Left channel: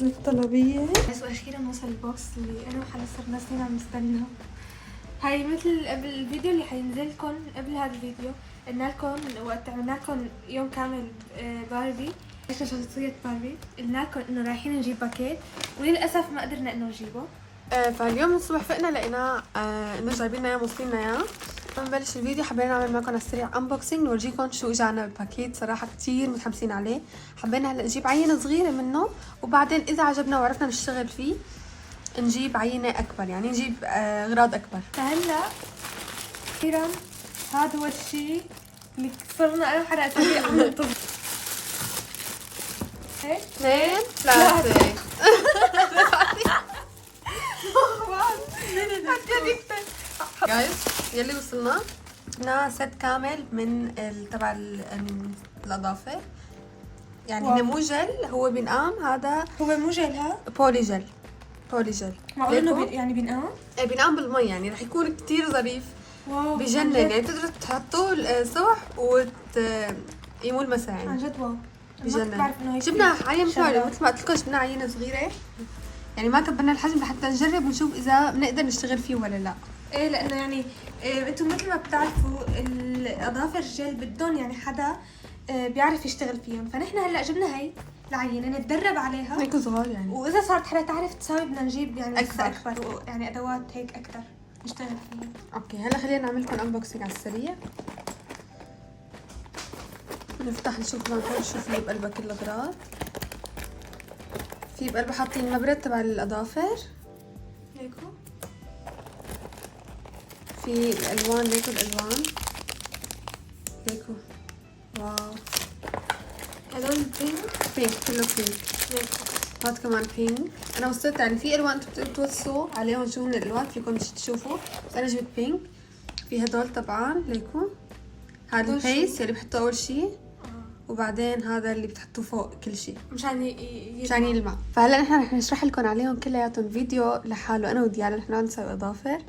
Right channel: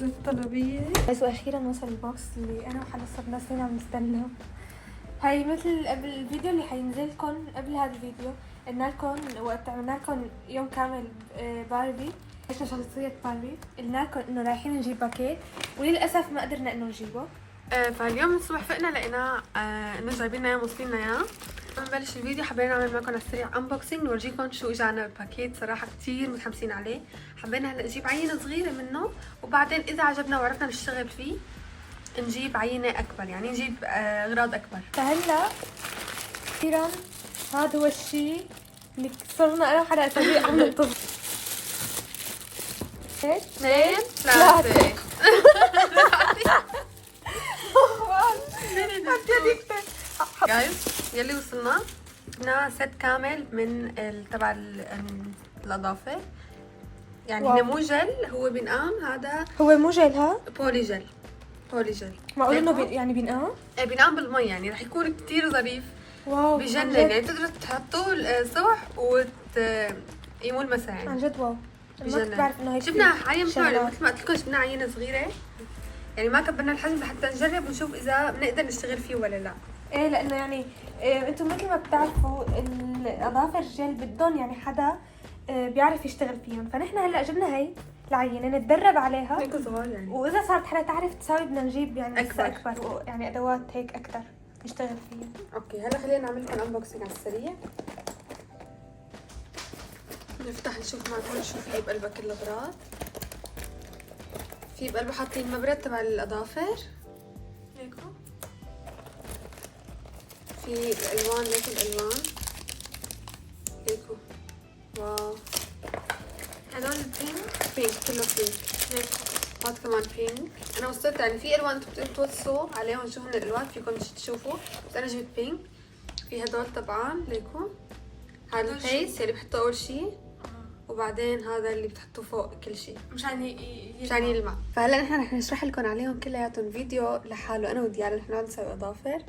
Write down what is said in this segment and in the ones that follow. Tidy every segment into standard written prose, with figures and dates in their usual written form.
وصلت طلبية بس، واخيرا وصل البوكس اللي انا وحلا صرنا سنين عم نستناه. هاي مثل قبل الفيديو اللي حينزل لكم قبل هذا الفيديو، قلنا لكم وقت عملنا لكم يوم كامل باربي، عشنا شخصية باربي، قلنا لكم انه رايحين نجيب باكيت وللاسف ما قدرنا انه نجيبه. فاليوم الصبح فقنا لقينا انه جايبين لنا اياه موصلين لنا اياه. نبلش الفيديو حبينا نعمل معكم على السريع انبوكسنج نورجيكم شو اجانا الباكيت. صراحه كثير متحمسين عليه. حبينا هلا نجيب عينه صغيره منه وبعدين اذا عجبنا وعرفنا نشتغل فيه نجيب عينه اكبر، يعني نجيب اغراض اكبر. فهلا اخيرا هذا هو الشيء اللي صرنا انا وحلا اسابيع عم ننتظر. 2 3 جايز يلي وصلنا ست كامل من تبع الاظافر، يعني هو مو جل، هو بينقام. هذا هو مو جل، ها بولي جل. بولي جل معقول انه يعني بينقام؟ ايه بينقام بالمي، يعني رح يكون كتير ظريف. واو بجنن، يعني بتقدروا تحطوه الصبح يمول مساء يعني. عن جد واو. بجنن. جبنا عينه مثل ما قلت لكم، جبنا عينه صغيره، يعني ما كبرنا الحجم لحتى نجرب ونشوف اذا بنقدر نشتغل فيه ولا لا. ايه لانه يعني انتم مثل ما بتعرفوا الاظافر الجل بدهم يعني حدا بيعرف يشتغل فيهم، فنحن هلا جبنا هي العينه نتدرب عليها هيك صغار يعني، واذا صارت حدا تعرف تساوي بدنا نجيب يعني اكبر يعني ادوات هيك اكثر نشتغل فيها. اوكي هلا خلينا نعمل لكم انبوكسنج على السريع. نفتح نشوف شو في بقلبه كل الاغراض. في بقلبه حاطين نبرة تبع الاظافر هيكو، في الالوان هيك الالوان هيكو. واو هدول البينك كله بينك. هاد كمان بينك. انا وصلت يعني في الوان بتقدروا توصوا عليهم شو هن الالوان فيكم تشوفوا، بس انا جبت بينك. في هدول طبعا ليكم، هذا الفيس اللي بحطه اول شيء، وبعدين هذا اللي بتحطوه فوق كل شيء مشان يلمع. فهلا نحن رح نشرح لكم عليهم كلياتهم فيديو لحاله انا وديالا، نحن عم نسوي اظافر.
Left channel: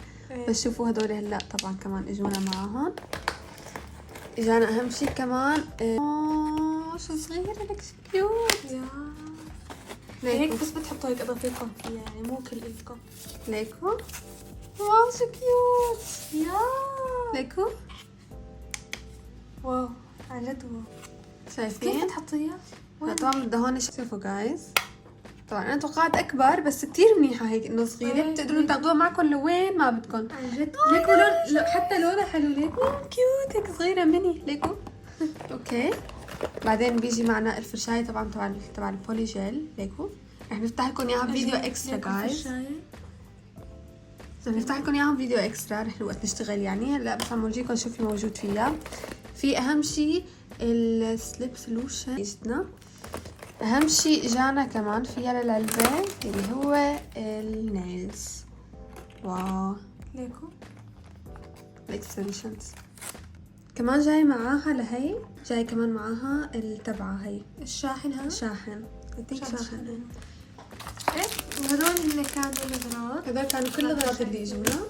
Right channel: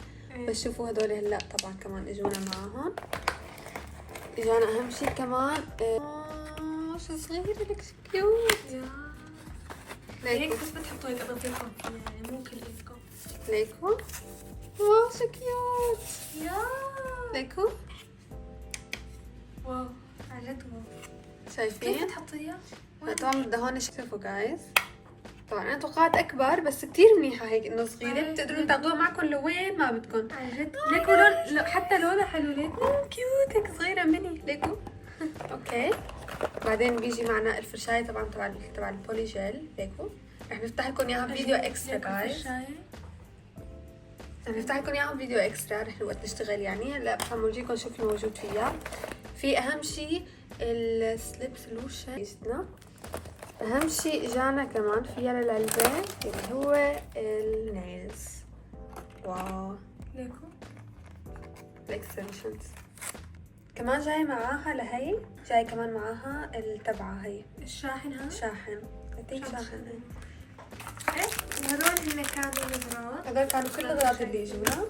بس شوفوا هدول هلا طبعا كمان اجونا معاهم. اجانا اهم شيء كمان شو صغير هيك كيوت. هيك بس بتحطوا هيك اضافيكم فيها، يعني مو كلكم. ليكو واو شو كيوت. يا ليكو واو عن جد واو. شايفين كيف بتحطيها؟ طبعا بدها هون. شوفوا جايز، طبعا انا توقعت اكبر بس كتير منيحه هيك انه صغيره، بتقدروا تاخذوها معكم لوين ما بدكم. عن جد ليكو لون حتى لونها حلو. ليكو كيوت هيك صغيره ميني. ليكو اوكي. بعدين بيجي معنا الفرشايه طبعا تبع البولي جيل. ليكو رح نفتح لكم اياها فيديو اكسترا جايز، رح نفتح لكم اياها فيديو اكسترا رح وقت نشتغل يعني. هلا بس عم نورجيكم شو في موجود فيها. في اهم شيء السليب سولوشن اجتنا. اهم شيء اجانا كمان فيها للعلبه اللي هو النيلز. واو ليكو الاكستنشنز كمان جاي معاها. لهي جاي كمان معاها التبعه هي الشاحن. هذا الشاحن. شاحن. وهذول هن كانوا الاغراض. هذول كانوا كل الاغراض اللي اجونا.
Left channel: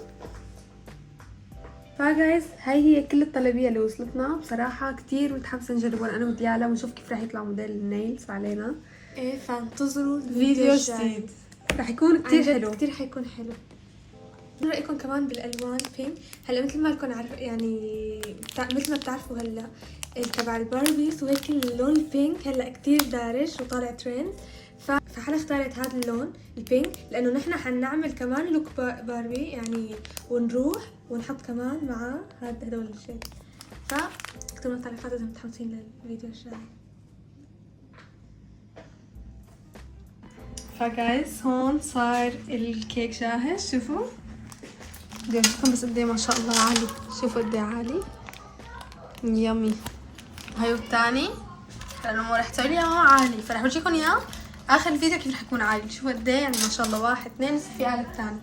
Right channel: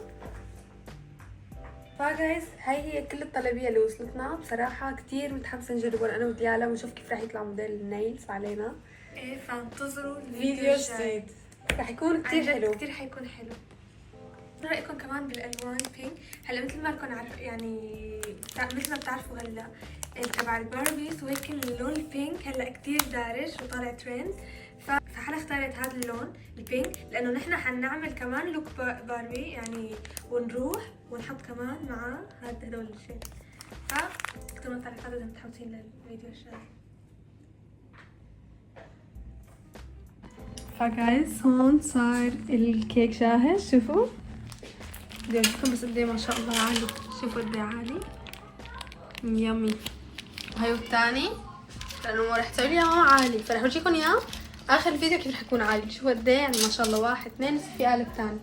فجايز هاي هي كل الطلبيه اللي وصلتنا. بصراحه كتير متحمسه نجربهم انا وديالا ونشوف كيف رح يطلع موديل النيلز علينا. ايه فانتظروا الفيديو الجديد رح يكون كتير حلو. كتير حيكون حلو. رايكم كمان بالالوان بينك. هلا مثل ما لكم عارف يعني مثل ما بتعرفوا هلا تبع الباربيز وهيك اللون البينك هلا كتير دارج وطالع ترند. فحنا اختارت هذا اللون البينك لانه نحن حنعمل كمان لوك باربي يعني، ونروح ونحط كمان مع هدول الشيء. فاكتبوا التعليقات اذا متحمسين للفيديو الجاي. فجايز هون صار الكيك جاهز. شوفوا بدي اورجيكم بس قد ايه ما شاء الله عالي. شوفوا قد ايه عالي يامي. وهي الثاني لانه رح تسوي لي اياه عالي، فرح اورجيكم اياه اخر الفيديو كيف رح يكون عالي. شوفوا قد ايه يعني ما شاء الله. 1 2 لسه في قالب ثاني.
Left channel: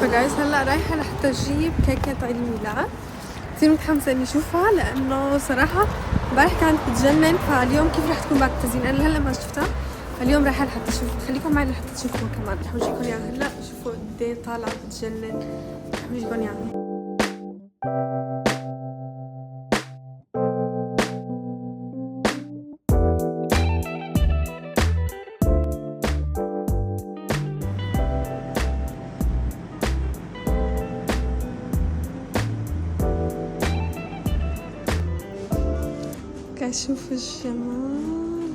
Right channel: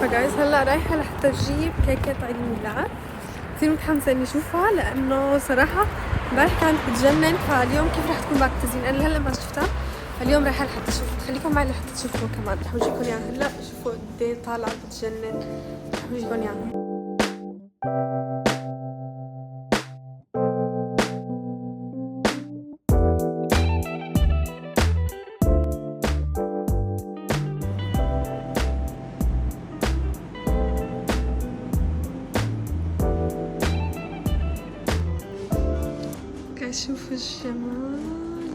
فجايز هلا رايحه لحتى اجيب كيكه عيد الميلاد. كثير متحمسه اني اشوفها لانه صراحه امبارح كانت بتجنن، فاليوم كيف رح تكون بعد التزيين انا هلا ما شفتها. اليوم رايحه لحتى اشوفها. خليكم معي لحتى تشوفوا كمان. رح اورجيكم اياها هلا. شوفوا قد ايه طالعه بتجنن. رح اورجيكم اياها. شوفوا الجمال.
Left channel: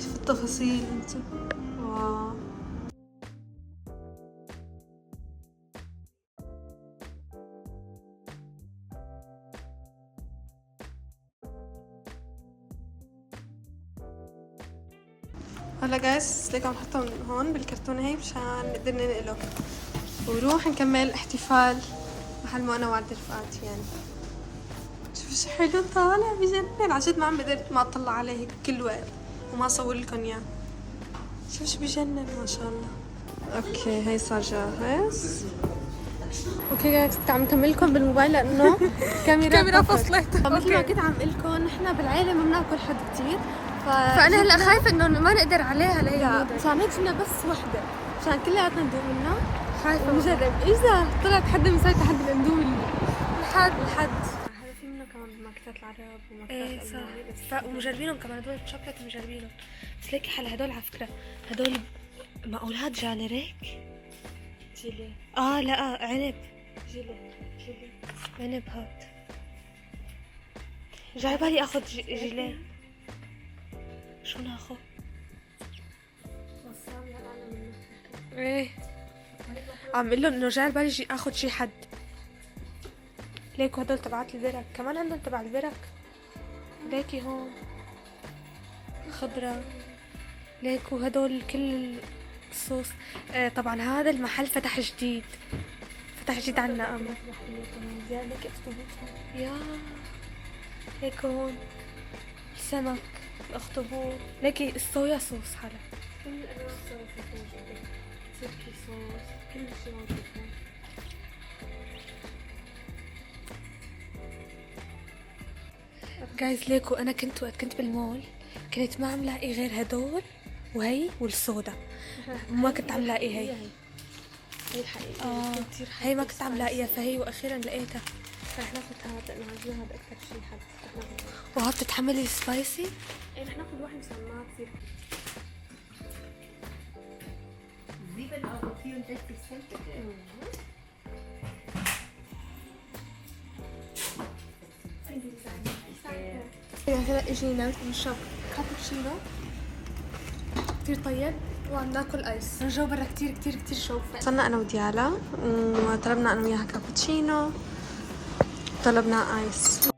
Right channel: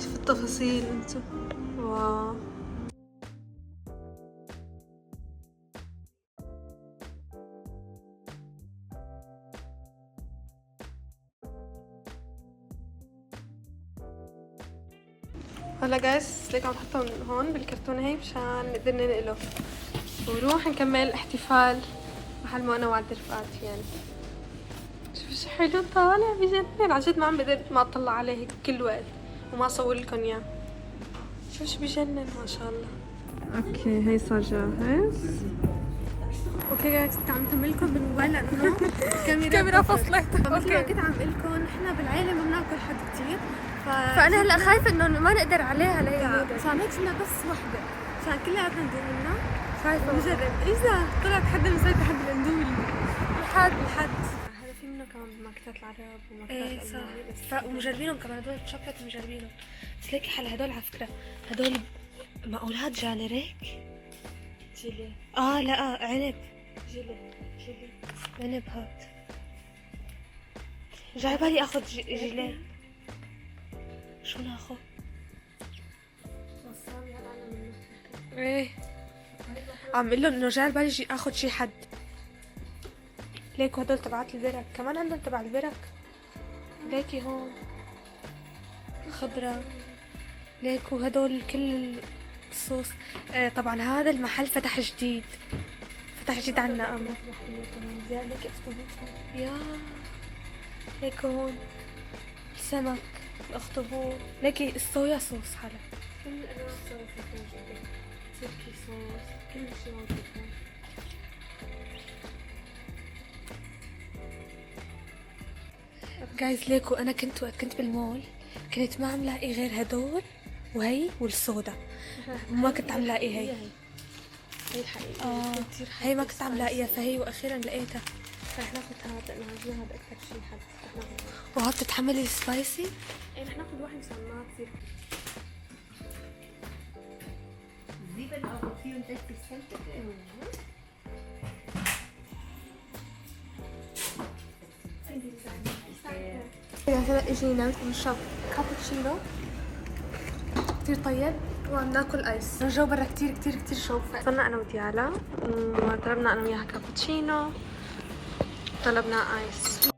شوفوا التفاصيل انتو. واو. هلا جايز ليك عم نحطهم هون بالكرتونة هي مشان نقدر ننقله ونروح نكمل احتفال محل ما انا وعد رفقاتي يعني. شوفوا شو حلو طالع بجنن، عن جد ما عم بقدر ما اطلع عليه هيك كل وقت وما اصور لكم اياه. شوفوا شو بجنن ما شاء الله. اوكي هي صار جاهز. اوكي جايز كنت عم نكمل لكم بالموبايل لانه الكاميرا فصلت. مثل ما كنت عم اقول لكم نحن بالعائله ما بناكل حد كثير، فانا هلا خايفه انه ما نقدر عليها لهي. فعملت لنا بس وحده عشان كلياتنا ندوق منها. خايفه بجرب اذا طلعت حدا مسوي تحدي الاندومي لحد هذا في منه كمان بماركتات العرب وماركتات الالماني ومجربينهم كمان هدول الشوكليت مجربينهم. بس ليكي حلا هدول على فكره هدول مقولات جاليريك جيلي. لا عنب جيلي عنب. هات جاي بالي اخذ جيلي. شو ناخذ؟ ايه عم اقول لهم انه جاي بالي اخذ شي حد. ليكوا هدول تبعات البرك كمان عندهم تبع البرك. ليكي هون خضرة. ليكوا هدول كل الصوص. طبعا هذا المحل فتح جديد عنا أما يا ليكوا هون السمك الاخطبوط. ليكي الصويا صوص حلا كل انواع الصويا صوص موجودة. تركي صوص كل شيء موجود هون. جايز ليكو انا كنت بالمول كنت ما عم لاقي غير هدول وهي والصودا. ما كنت عم لاقي هي الحقيقة. هي ما كنت عم لاقيها فهي واخيرا لقيتها. رح ناخذ هذا لانه عاجبنا هذا اكثر شيء حد. وها بتتحملي سبايسي؟ ايه رح ناخذ واحد مشان ما تصير زيبل او فيهم زيت السلطة. هلا اجينا نشرب كابتشينو كتير طيب وعم ناكل ايس. الجو برا كتير شوفة. وصلنا انا وديالا وطلبنا انا وياها كابتشينو طلبنا ايس.